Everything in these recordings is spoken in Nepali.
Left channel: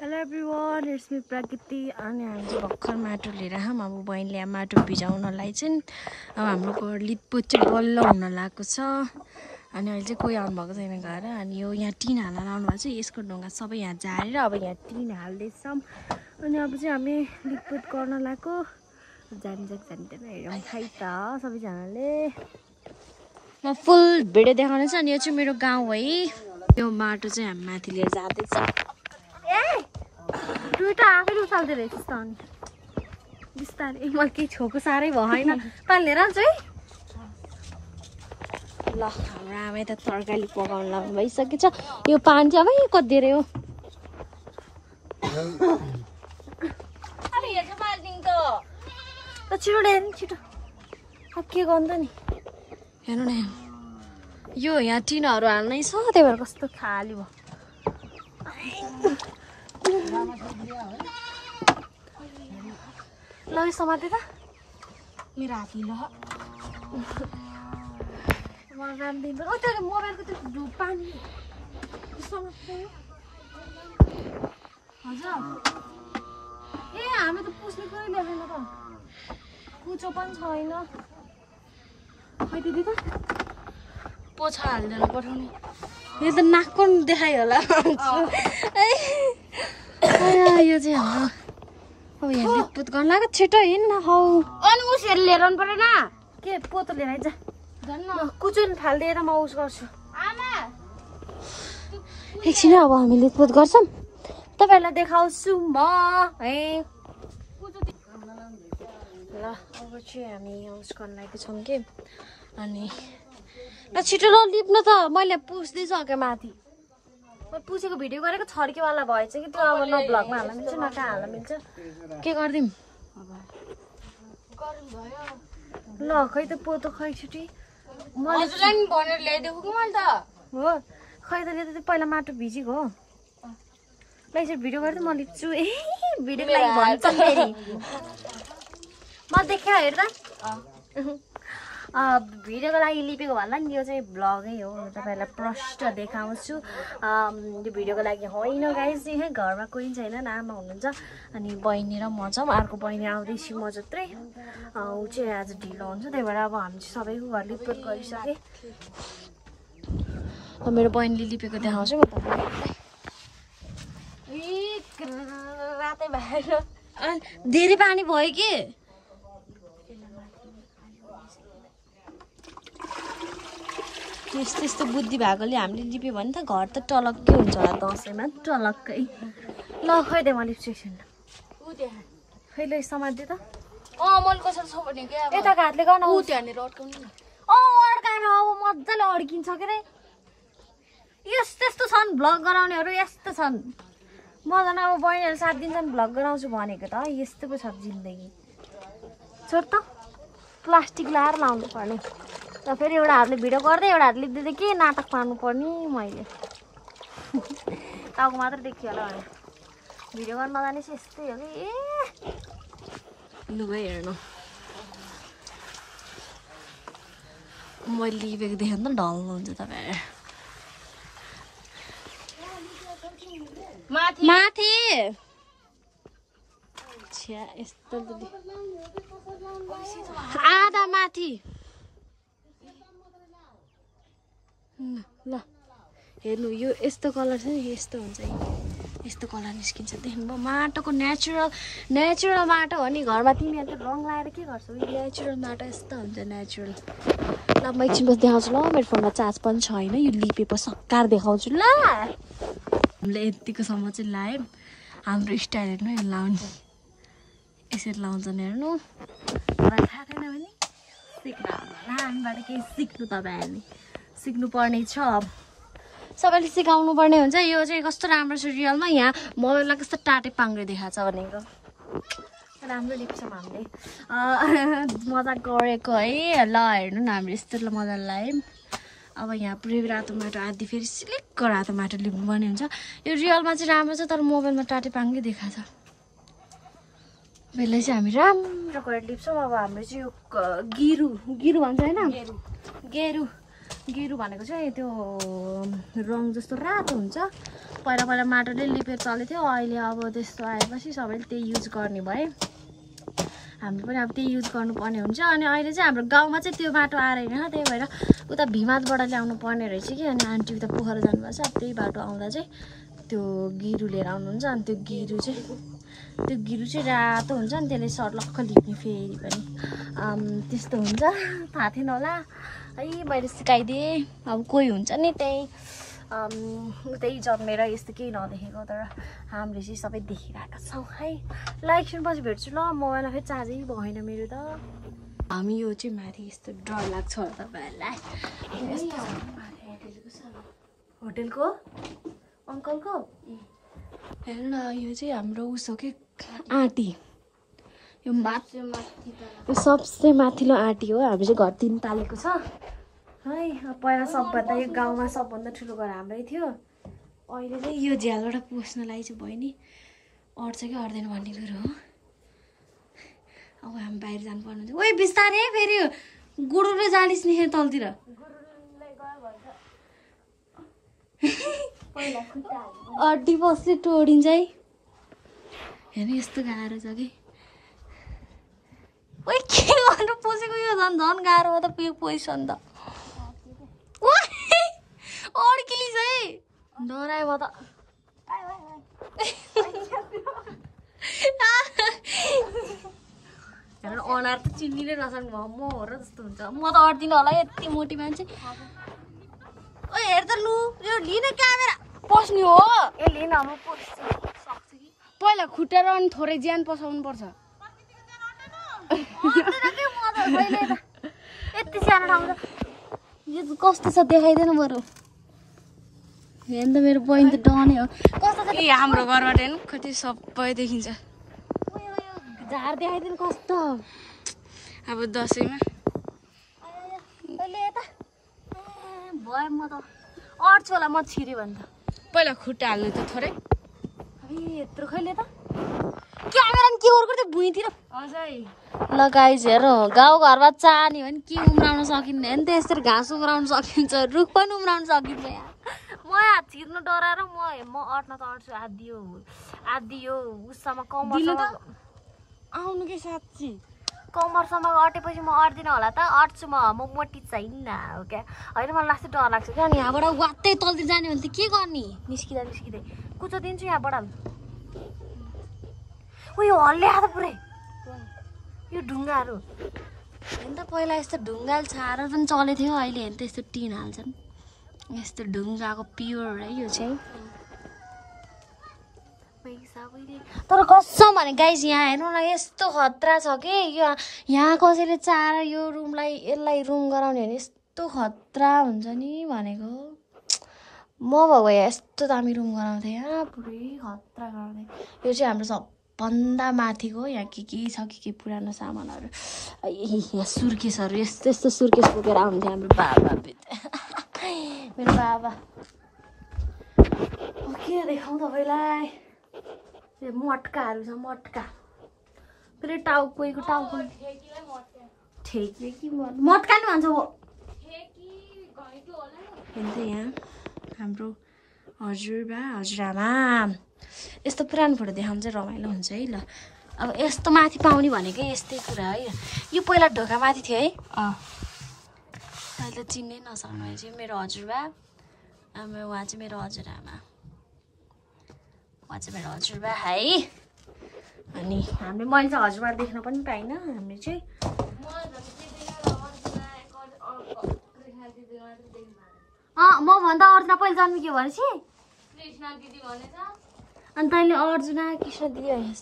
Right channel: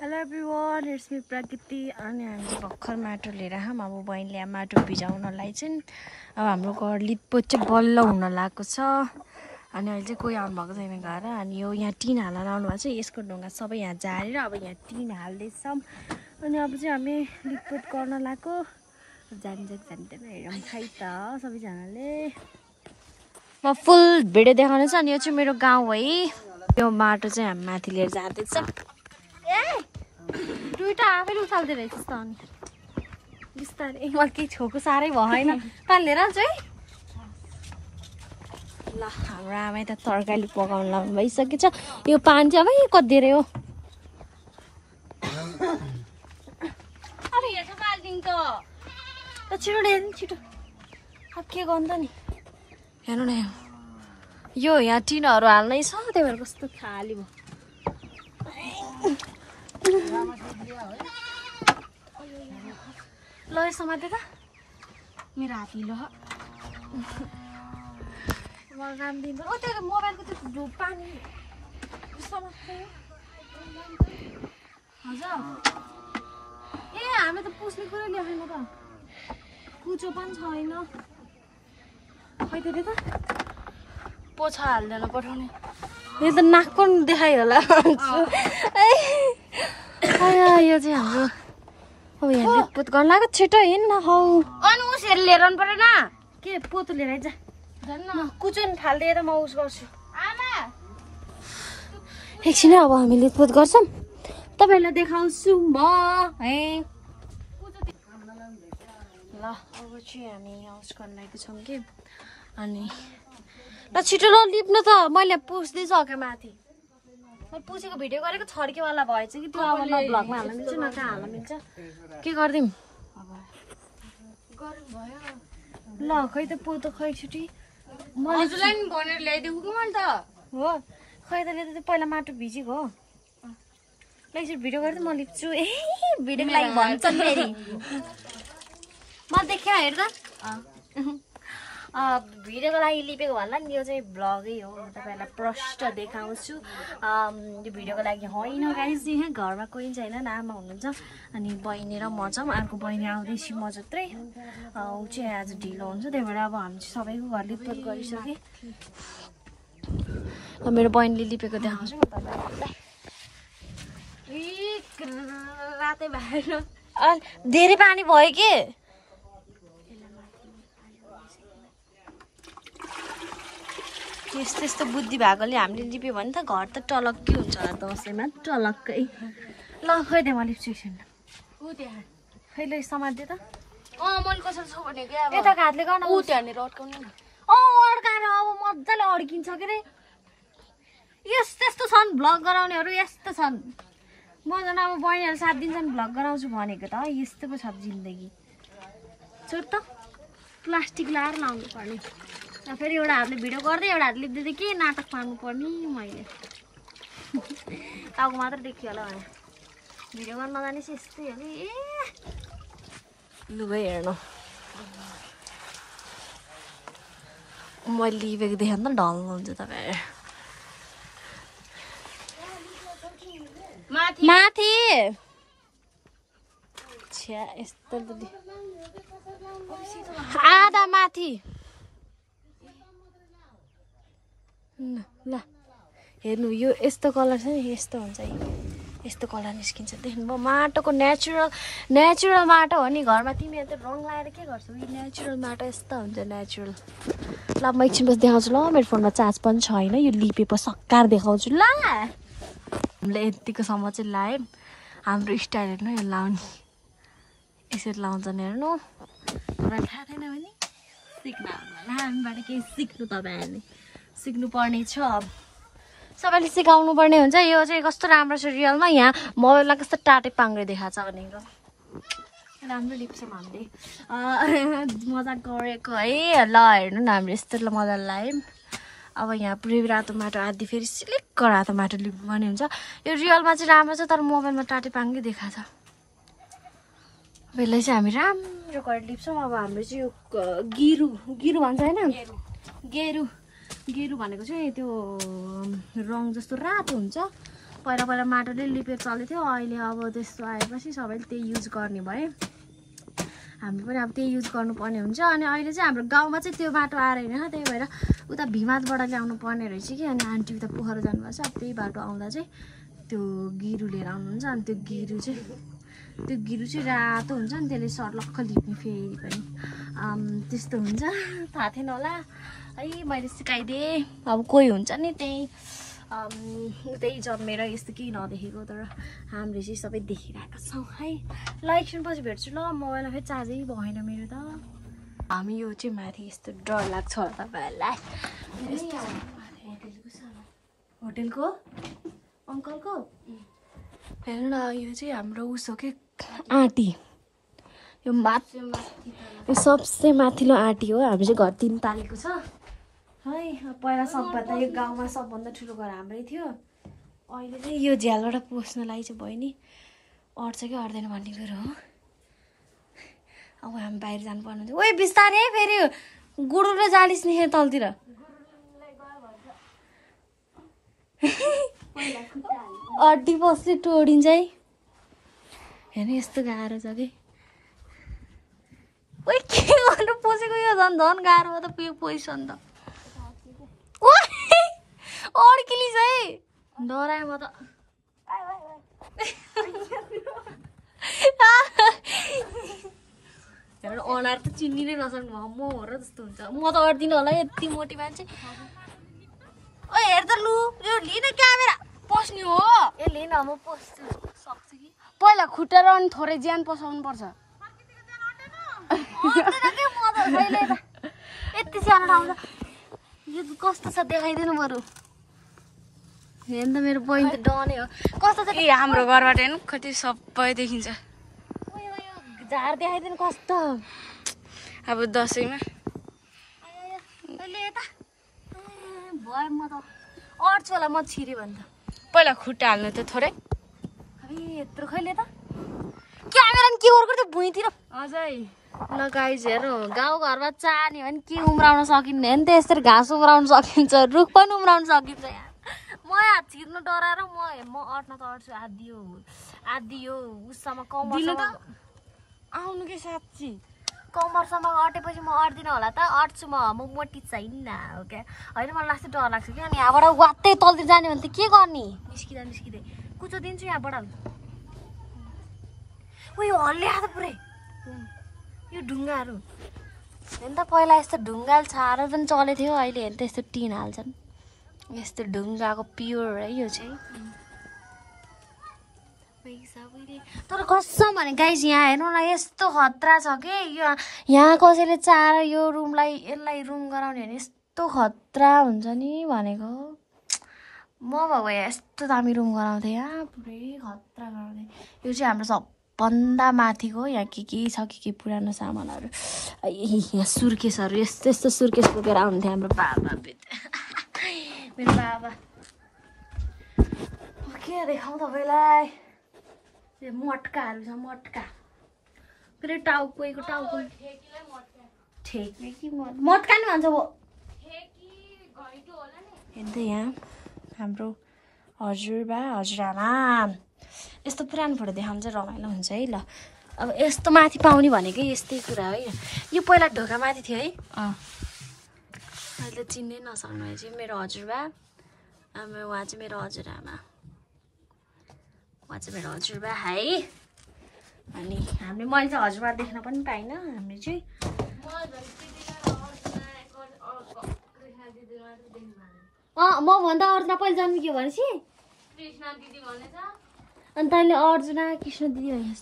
Hello everyone, it's me Prakriti अनि हामी भर्खर माटो लिएर आयौँ। अब बहिनीले माटो भिजाउनलाई चाहिँ अब हाम्रो घर लिपपोत चाहिँ बल्ल हुन लागेको छ अनि अहिले चाहिँ कोही आउनु भएको छैन घर अनि यो यहाँ टिन हालेर आउनु भएको छ। यसको ढुङ्गा सबै यहाँ झारेर अब यहाँ टिन हाल्दैछौँ अनि अब चाहिँ हामी लिपपोत गर्न लागेको जान्छ जान्दैन हेरौँ खै त सबैजनाले। म फुल भिडियो देखाउनेछु अनि यो चाहिँ मेरो गाउँ है। यो माटो चाहिँ हामी माथि लिएर जाँदैछ। दुईटा आफै उचाल्दै रहेछ त अनि बिस्तारै मलाई केही छोको साह्रै भयो होइन पानी लिएर आउँछु है। ल हाम्रो आमै त तरकारी पकाउनु लाग्नु भइसकेछ। यो पानी चाहिँ अब कति धेरै हो छिटो ल्याएर नि छिटो अब के गर्नु त नि हेर्नु न यो यहाँ टिनहरू हाल्नै छ त्यही भएर कस्तो खाली भयो। ल यो समाते त मेरो हात ल मलाई राम्दिँदैन। ओ त्यो मोबाइलको त्यो पानी हजुर ए हामीले त पुस्ने कुरै लेखेको त कुचो पनि छैन खै त पोछा हाल्दैन पठाउने यो त नाक पनि देखाइ होला। यो चाहिँ हाम्रो यहाँ लिपपोत गर्न लाग्यो छिटो हिँड्न अनि उसहरू लिएर आउनु परेन के पोतो लिएर आइज कुचुन फालिदिएर म उस गर्छु एकछिन। अब हामी लिपपोत गर्छौँ तपाईँहरूलाई देखाउँछु म है। ल अब चाहिँ हामी उस गर्न लागेको छौँ कि अनि ल छिटो ल लिप्न त मैले पुस्दैछु माथि मैले पुसेको भिडियो गरेको छड्केवाला भएछ कि त्यो अब न भ्लगमा हाल्न मिल्छ न कहाँ हाल्न मिल्छ के गरिदिउँ ल खै त पोतो खै छिटी मैले हो खै त ल्याउँदा पहिला माटो भिजेको हो ल यसरी भिडियो गरिदिउँ म लिप्छु ए भिडियोको लागि भन्छ फेरि म देख्यो हेर्दा भिडियोको लागि लिपेको भन्दा नि यो चाहिँ भ्लगै हो तपाईँहरूलाई प्रष्ट देखाउँछु। यो भिडियोको लागि होइन गाइस यहाँ घरमा कोही छैन आमा हुनुहुन्छ अनि बहिनी र म छौँ। अर्को बहिनी आउँदैछु म जत्रै ऊ चाहिँ आज ढिलो हुन्छ त्यही भएर अब हामी चाहिँ सबैको घर लिपपोत गरिसकेँ। मेरो बहिनीले लिपेको देखाउँछु म तपाईँलाई। रातै भएर धेरै पानी भयो के यस्तो यस्तो बुद्धि भएकोले हामीले लिप्यो भने त घर त टलक्कै हुन्छ होला दसैँमा टलक्कै। ल खै दे म लिप्छु एकछिन खै ल समात्दै त यताको हातले गर्न अड्काएर अब मजाले अड्किन्छ के अरे यस्तो यस्तो छन् भ्लग गराउनेहरू यस्तो छन्। म झन् अब बहिनीहरू 7 दिनसम्म भ्लग गराउँछु भनेको त यस्तो पो छ जिन्दगी। छोड त प्लास्टिक लाएर लाउनु पर्ने र फेरि एउटा हातले भिडियो गर्दै एउटा हातले लिप्दै के नाटक पार्नु पर्ने मैले टाउको मात्र देखियो होला भने भिडियो गर्न नजाने चाहिँ यस्तै हो कि ए लुगा हेर्नु मैले लिपेको देखेँ त ढल्नुहुन्छ तपाईँहरू माथि आधा माथि ल हेर्नु यो यस्तो कलर छ नि यस्तो हुन्छ है यस्तो कलर निस्किन्छ देख्नुभयो माटोको नेचुरल माटो हो नि। घरमा तिमीहरू त रङ लगाएर के गर्छौ यो नेचुरल माटो यस्तो हुन्छ नेचुरल। ल म एकछिन देखाउँछु ल मेरो फोनमा चार्ज पनि छैन यो लिपेपछि सक्कार देखाउँछु ल। हामीले यतिकोसम्म चाहिँ लायौँ हाम्रो स्टाइल हेर्नु यो लाउने यसरी लाउँछन् हेर्नु मलाई थाहा छैन भने सिक्नु हामीबाट केही सिक्नु तपाईँहरूले सिक्नुपर्ने छ सबैले सिकाउनु पर्ने हुन्छ। यो चाहिँ कस्तो राम्रो छ रियलमा यहाँ मोबाइलमा कस्तो टाटे पाङ्ग्रे देखाएको छ भनेको राम्रो लिप्छौँ हामीले मजा गरेको है। ल हेर्नु न हामीले यस्तो मजाले लायौँ। अब यहाँ पुरै रातो माटो आदि फेरि सिलिक्क रातो माटो लिप्नु पर्ने हुन्छ। यो रियलमा चाहिँ राम्रो छ तर मोबाइलमा टाटे पाङ्ग्रे देखाएको छ। यसलाई चाहिँ हामी राम्रो गरेर लिप्छौँ। अब हाम्रो चाहिँ यो गिरु भन्छ होइन गेरु भनेको चाहिँ त्यो रङ जस्तो रातो हुन्छ पहिला पहिला माटोले लिपेर चल्थ्यो अहिले अब त्यस्तो आएपछि सबैले त्यही युज गर्ने भए हामी पनि अब त्यही युज गर्नुपर्ने हुन्छ अनि अहिले चाहिँ हाम्रो गाउँमा चाहिँ त्यो बाटो आएर हैन त्यही भएर उता भिमातबाट ल्याउनु पर्ने रहेछ कि अनि आन्टी उता पोखरा जानुभएको छ अब त्यही बाटो आउँदा चाहिँ त्यो गिरु लिएर आउनुहुन्छ अनि त्यो गिरु चाहिँ रातो हुन्छ नि त्यसले सर्लक्क लिप्ने फेरि पनि त्यस्तो हुन्छ थाहा थिएन होला है मैले सिकाइदिएँ अब कोही हुन्छ नि त्यही उतै जन्मेर यस्तो केही नदेखेको तर हामीले चाहिँ सबै देखिरहेका छौँ है ल एकछिन पछि भेट्छु ल मोबाइलमा फेरि चार्जै भएन मेरो त हामी यो चाहिँ माथि यस्तो डर लाग्छ तपाईँहरूलाई होटेलको अङ्कलको हेर्नु न यो चाहिँ हाम्रो उसो के आँटी यो सबसे माथिल्लो आँटी हो हामी चाहिँ घर 3 पालेको छ है पहिला सबभन्दा यो गाउँमा सबभन्दा ठुलो घर हाम्रै थियो अहिले चाहिँ यो झ्यालबाट पस्नलाई चाहिँ भयो नि अट्छ कि अट्दैन भन्ने कुरो हो अब हामी बाहिर जानुपर्ने हुन्छ ओइ बिस्तारै फेरि गुरुले जालिस नि तलतिर अड्डी बस्दै टोडिन्छ है हेर्नु यस्तो गाह्रो छ कि ओइ के गर्नु पसेको यो झन् गाह्रो हो त यो पोजिसन त अड्किलिस है डरायो म त हेर्नु अनुहार त चिन्नी नै नसक्नु भयो म हो र जस्तो हुन्छ म त अड्दिनँ होला यति मोटी मान्छे ओ हेर त लु यो लिन क्यामेरा पस्ने हो ए लिन म पस्छु सक्छु कि पहिला खुट्टा र अनि थोरै ज्यान पसाउनु पर्छ यति सानो ठाउँ छ यो कस्तो छ देखाइदिनु बरु हेर्नु त मेरो बहिनी त डने हो कस्तो छ हाम्रो घरबाट हेर्नु कति सबै देखिन्छ झार देखाइदिनु कस्तो अब दसैँमा भयो म त अड्छु होला म छिरे भने त पहिला खुट्टा हाल्नु त थोरै यत्रो खैले त क्यामेरा के गर्नु त भुइँतिर अझै ल गाइस हेर गाउँघरमा चाहने भने के उम्राउन सकिन्न नि त यसरी घाँस उम्राउन सकिन्छ रुख पनि उम्राउन सकिन्छ यार म यहाँ छिर्नु डराएर म अट्न त अट्छु आधी यो उससम्म कमरसम्म आउनु कि साँच्ची कमरसम्म अटेपछि म अट्दिनँ होला त अट्छु म मोटी छैन हो क्या होइन मलाई लास्ट डर लाग्छ क्या अनि यहाँबाट वात्तै तलतिर जाने भने त के गर्ने निस्किँदै कुचो दिन्छु यहाँबाट उयो हल्ल्या त पुरै यो ढुङ्गाहरू हेर्नु त पहिला यस्तो ढुङ्गाले छाएर पनि चलेको थियो अहिले हेर्नु त यस्तो टिन हाल्छन् यस्तो ढुङ्गाको प्योर है यो चाहिँ तर कसम भने गाइस यहाँ हेर्नु न यस्तो खतरा छ कि यो यहाँ कसैले चाहेर यो यसलाई रुम गराउने भने यस्तो खतरा हुन्छ नि भनेको म भएको यस्तो दामी रुम गराउँथेँ यहाँ पुरै खतरा गराउँथेँ यो चाहिँ हाम्रो सबभन्दा माथिको यहाँ के छ के पुरानो सामानहरू सुर्केसहरू यस्तो सुर्केस बोकेर आउँथ्यो हाम्रो बाबा मेरो बाबा के देखाउँ तपाईँलाई यो मटकाहरू छ मटका फेरि टाउको ठेकी कि मटका नि भन्छ हो हेर्नु त यहाँ हाम्रो हजुरबा हजुरआमा यस्तो पुरानो फोटो देखाउनु चाहिँ रमाइलो हुन्छ है ल अब यस्तो माथि पाउने भनेकै यस्तै कुरा है यो पहिला ढोका माथि थियो है अहिले चिन्नै नसक्नु भए चाहिँ मेरो हजुरबा उहाँ चाहिँ मेरो हजुरआमा उहाँ चाहिँ मेरो हजुरबा है अनि मैले चाहिँ हजुरबा देख्न पनि पाइनँ हामीले चाहिँ मभन्दा अर्जुना पहिले जन्मिक्यो भनेपछि अनि तैँले अर्जुना कृष्ण दिदी होइन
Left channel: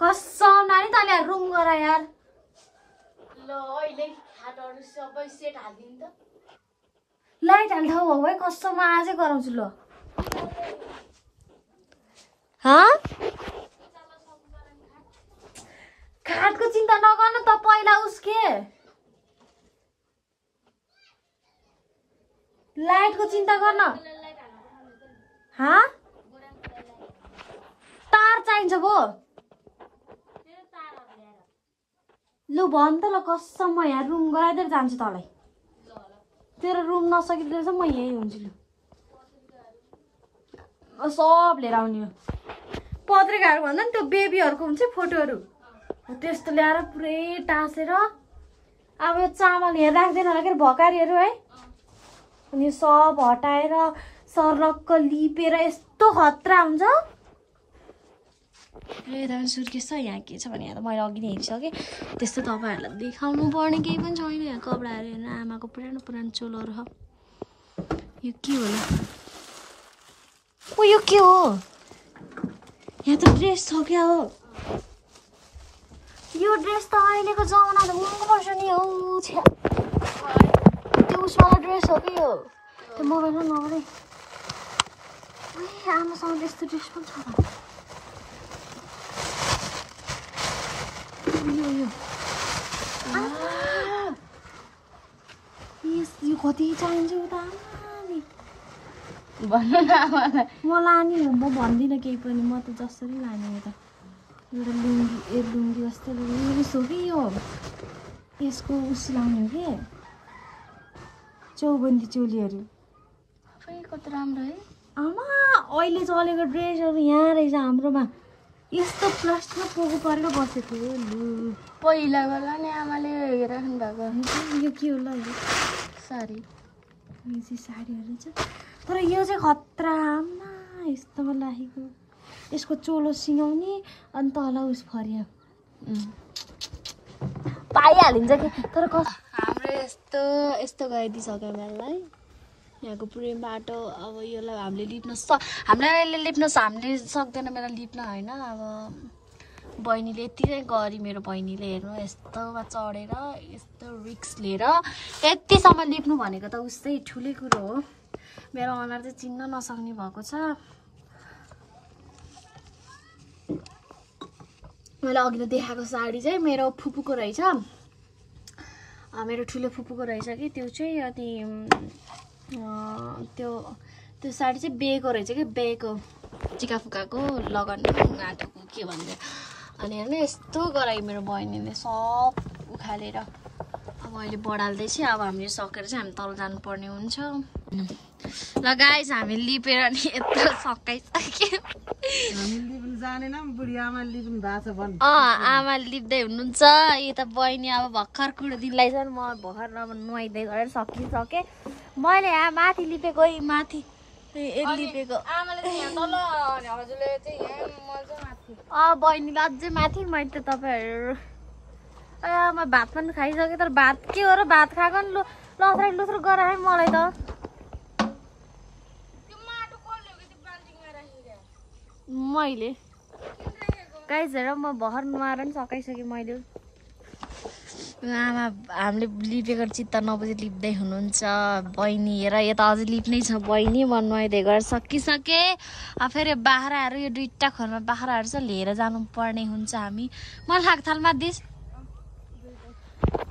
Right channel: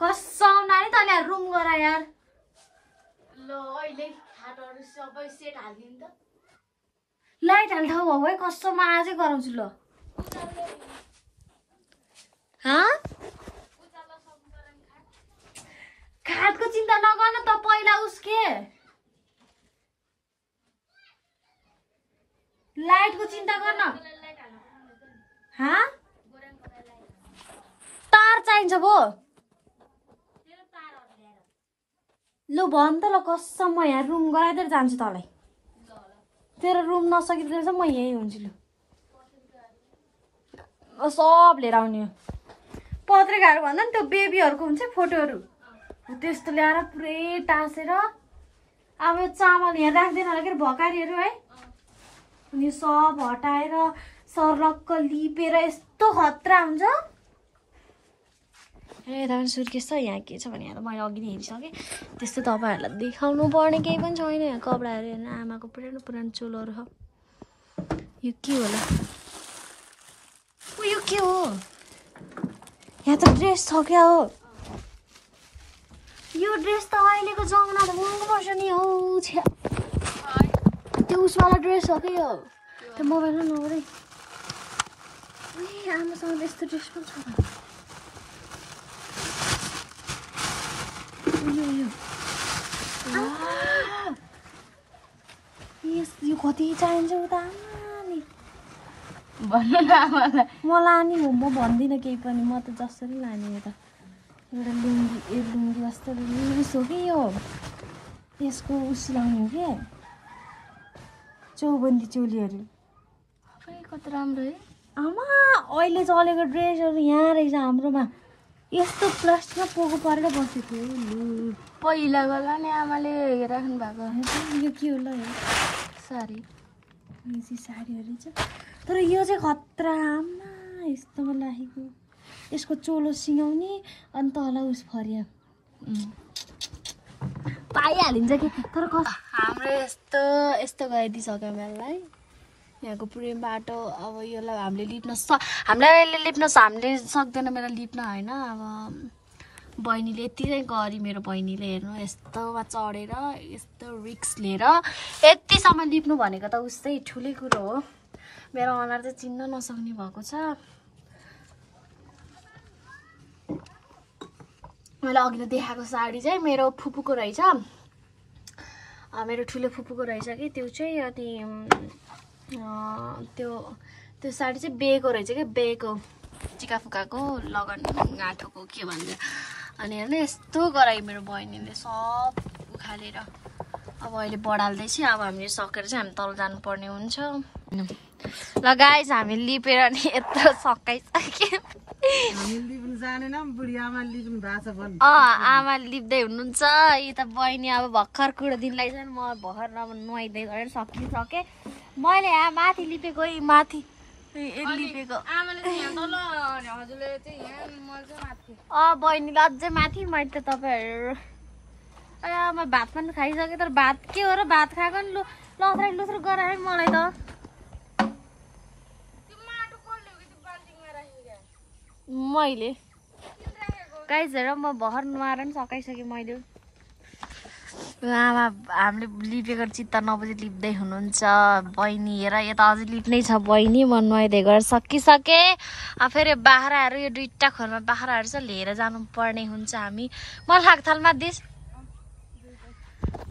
कसम नानी तैँले रुम गर यार लाइट हाल्ने ठाउँ भयो है कसम आजै गराउँछु ल खाटको चिन्ता नगर्नु त पहिला उसके लाइटको चिन्ता गर्न तार चाहिन्छ भो लु भन त ल कसम म यहाँ रुम गराइदिएर जान्छु तँलाई तेरो रुम नसकिदिएर चाहिँ म यहीँ हुन्छु लु सब लिएर आउने हो पत्रिकाहरू भन्दा नि त्यो बेबीहरूको हुन्छ फोटोहरू त्यस्तो ल्याएर पुरै टाँसेर अब यो चामल यहाँ राख्दैन होला के भकारीहरू है अनि सब हटाएर सर्लक्क लिपेर यस्तो खतरा हुन्छ ए राम सुर्केस छ यहाँ के छ भने यहाँ त मैले अघि नै हेरिसकेँ त्यस्तो तपाईँहरूलाई देखाउनु पर्ने केही पनि छैन यहाँ कपडाहरू हेर्नु आमाको पुरानो पुरानो चोलोहरू छ यो के होला ओ यो के हो यहाँ त ड्रेस छ क्या हो यो ड्रेस त अहिलेको जमाना त महँगो पर्छ नि हौ छ्या त्यो उसवाला ड्रेस हो कि यो त्यो मोबाइलमा नगरे आमासँग त्यस्तो ड्रेस पनि छ यो कति चाहिन्छ यो त आमाले भन्नु मलाई नि हो म भन्दिनँ केही पनि म त जसरी लाने हो त एउटा लुङ्गी जस्तो रिस हो कि यो यसको उसी लाउने हो कि चौबन्दी चोलीहरू कति राम्रो है आमा अहिले चलेको ड्रेसहरू यहाँ रहेछ हाम्रोमा यस्तो प्लास्टिकमा पोको पारेर बसेको थियो पहिला बेला नि आमाले राख्नु भएको यो के होला यो साडी यो चाहिँ साडीहरू छ तर यो चाहिँ खतरा आमा यस्तोमा लागेको यसको चोलो सिङाउने अनि तल उस फरिया पाइहालिन्छ कि तर हाम्रो यस्तो गइदिइसक्यो मलाई यहाँको पुरै बाटो अब यसलाई हामीले लिप्न हामीलाई लिप्न हामीले सक्दैन मेरो लिप्न होइन अब बहिनीले यति चाहिँ गरी मेरो बहिनीले हेर्नु यस्तोमा चढेर यस्तो रिक्स लिएर यतिसम्म लिप्नु भनेको त उस्तै ठुलै कुरो हो मेरो अनुहार चाहिँ चिन्न नसक्ने भएको छ मैले अघि देखाएको साडी चाहिँ मेरो फुपूको रहेछ मेरो ठुलो फुपूको रहेछ कि त्यो चाहिँ अनि त्यो साडी चाहिँ बेको रहेछ कि बेको चिका फुकाको लगन गाँठोको के भन्छ अनि हेर्नु यस्तो गरायो मेरो बहिनीले सब उखालेर अब अहिले बढाल्दैछ अब हामीले सकेर चाहिँ हामी तल जानुपर्ने हुन्छ ल गाइस हामी लिपेर नि यत्रो सकाइसक्यो आमा लिप्दै हुनुहुन्छ यता बहिनी अब भर्खर कुरो दिनलाई चाहिँ म भर्खर नुहाइदिँदै गरेर सकिसकेँ मैले यहाँ माथि लिपेको माथि लिपेको बहिनीले अझै माथि मैले त तपाईँहरू म भात पनि खाइसकेँ तर भात के हो र भात खाएको नि लथ्राइ लुथ्रो गराएँ मलाई त मैले गाइस हेर म भर्खर नुहाएर नि सकाइसकेँ मैले आमा हामीले लिपेको चित्त नबुझी लिप्दै हुनुहुन्छ बहिनी हेर यता अझै लिप्नै छ बहिनी म नुहाइदिए गरेर सकिसकेँ अब फेरि बाख्राहरू यो दुईवटा खोरमा बाख्राहरू चाहिँ लिएर जानुपर्ने हुन्छ हामी मलाई खाकथालमा दिस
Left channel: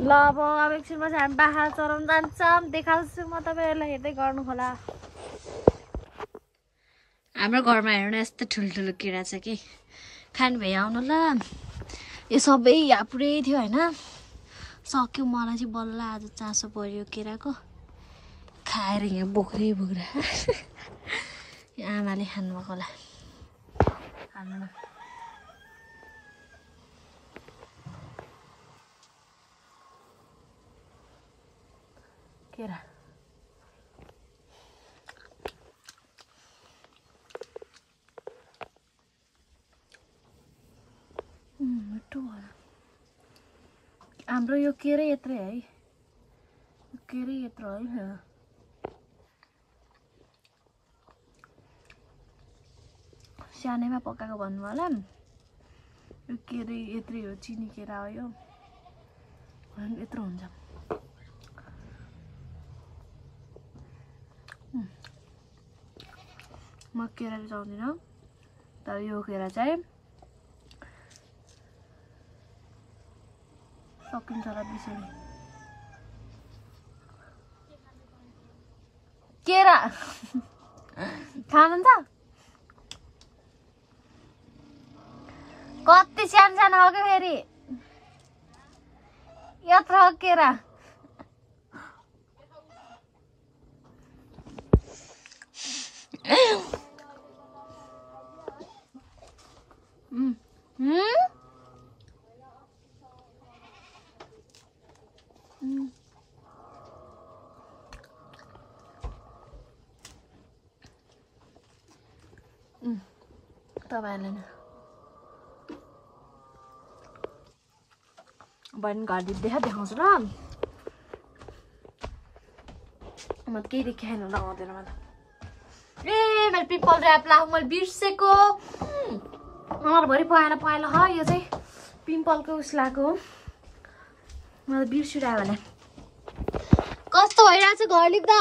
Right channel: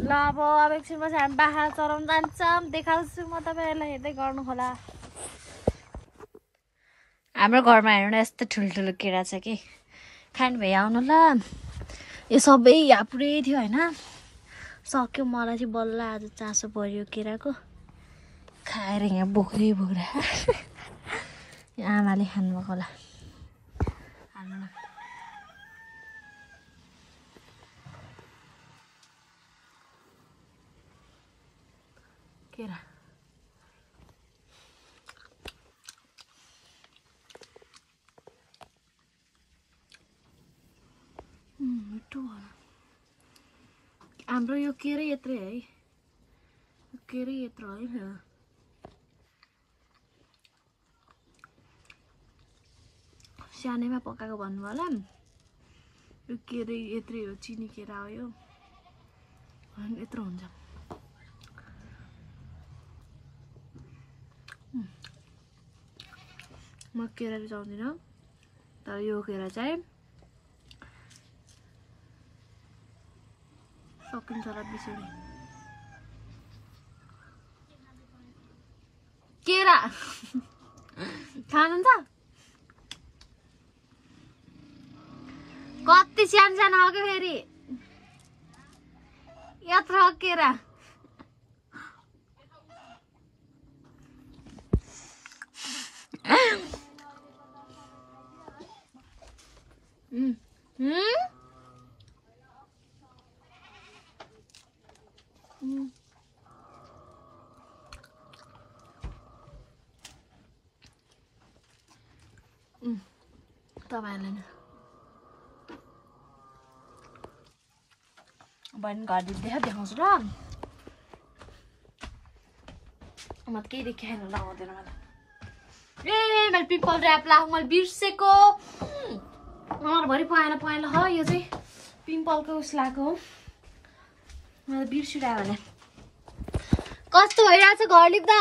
ल अब एकछिनमा चाहिँ हामी बाख्रा चराउनु जान्छौँ देखाउँछु म तपाईँहरूलाई हेर्दै गर्नु होला हाम्रो घरमा हेर्नु यस्तो ठुल्ठुलो केरा छ कि खानु भए आउनु ल यो सबै यहाँ पुरै थियो होइन सक्यो मलाई चाहिँ बल्ल आज चासो पर्यो केराको खाएर यहाँ बुक्रै बुक्रा आमाले खानुभएको होला हाम्रो केरा मिठो होला हाम्रो यो केरै यत्रै है केरै यत्रो है सानैमा पकाएको भन्नु होला यो केरै यत्रै हो चिनी केरा हो यो यत्रो हुन्छ म केरा रुचाउँदिनँ तर यो केरा चाहिँ सकिन्छ होला बिसोडी केरा खानुहुन्छ कति सानो सानो हो कि फेरि यत्रो केरा तपाईँहरूले नि बहिनी घर देखाउँछु ल म त केही देखाएन लगाउँदैन मलाई ए मैले पिपल ऱ्याप लाएको मैले बिर्सेको अनुहारभरि पहेँलो ह यो चाहिँ पिम्पलको उस लगाएको हो मलाई बिर्सिरह्यो भने कस्तो भइरहेछ घर लिप्दा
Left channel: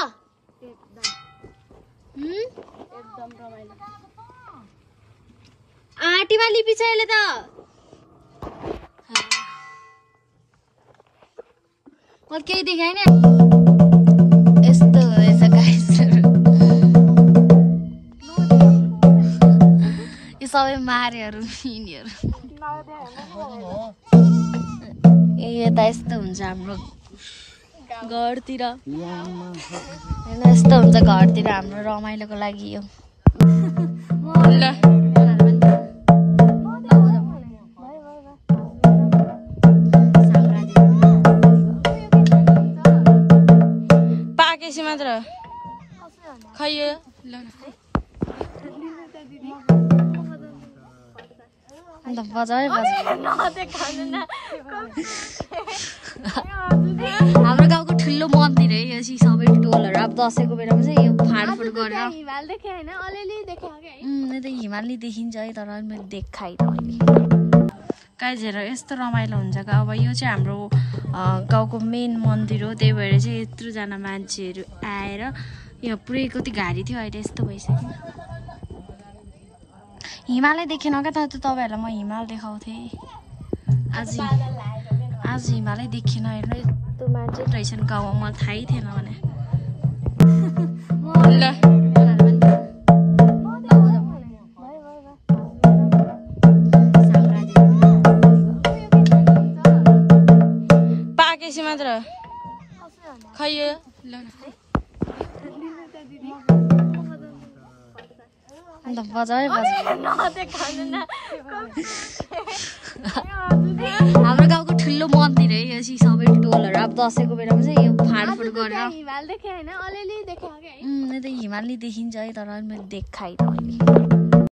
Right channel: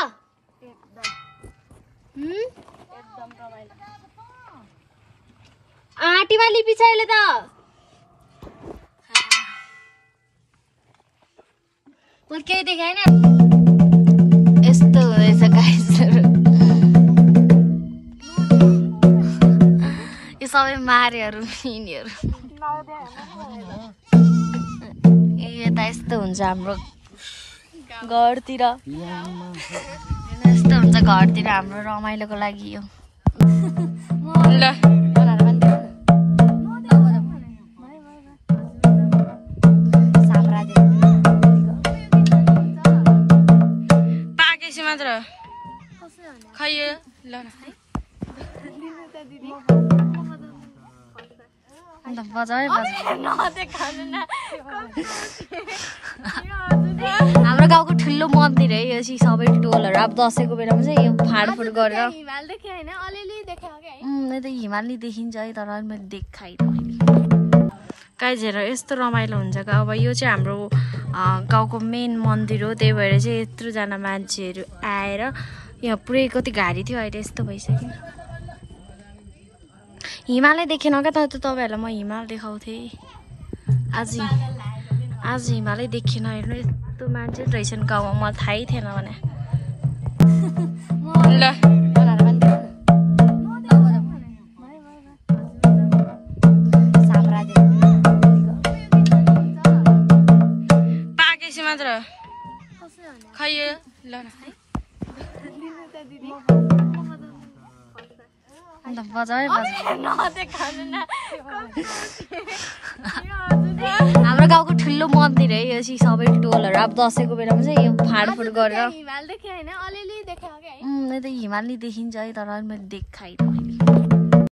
एकदम रमाइलो आँटीमा लिपी छ अहिले त म केही देखाएन यस्तो हुँदैछ गाइसहरु यो सबै मारेहरू यिनीहरू यो त यस्तो हुन्छ हाम्रो घरतिर हैन यस्तो हुन्छ घरतिर हाम्रो रमाइलोको लागि यो ल पाकेसी मात्र खै यो ल अन्त बजाए हाम्रो गाउँको ठुलो मन्दिर है यो चाहिँ सबै टोलहरू अब दसैँको बेलामा चाहिँ यो फाडफुड गरेर त हिमालय देखिन्छ है तर मैले देखाइनँ काइझेर यस्तो रमाइलो हुन्छ अब यो चाहिँ हाम्रो गाउँको मेन मन्दिर हो त्यही भएर चाहिँ यत्रोजना मान्छेहरू आएर यहाँ पुरै कति घारी थियो अहिले यस्तो भइसक्यो हिमालय देखेन क्या त तपाईँहरूलाई म हिमाल देखाउँथेँ आज हिमालय देखेन हेर्नु यस्तो मान्छे रहेछन् गाउँमा मलाई थाहै थिएन भने ल पाकेसी मात्र खै यो ल अन्त बजाए हाम्रो गाउँको ठुलो मन्दिर है यो चाहिँ सबै टोलहरू अब दसैँको बेलामा चाहिँ यो फाडफुड गरेर त हिमालय देखिन्छ है तर मैले देखाइनँ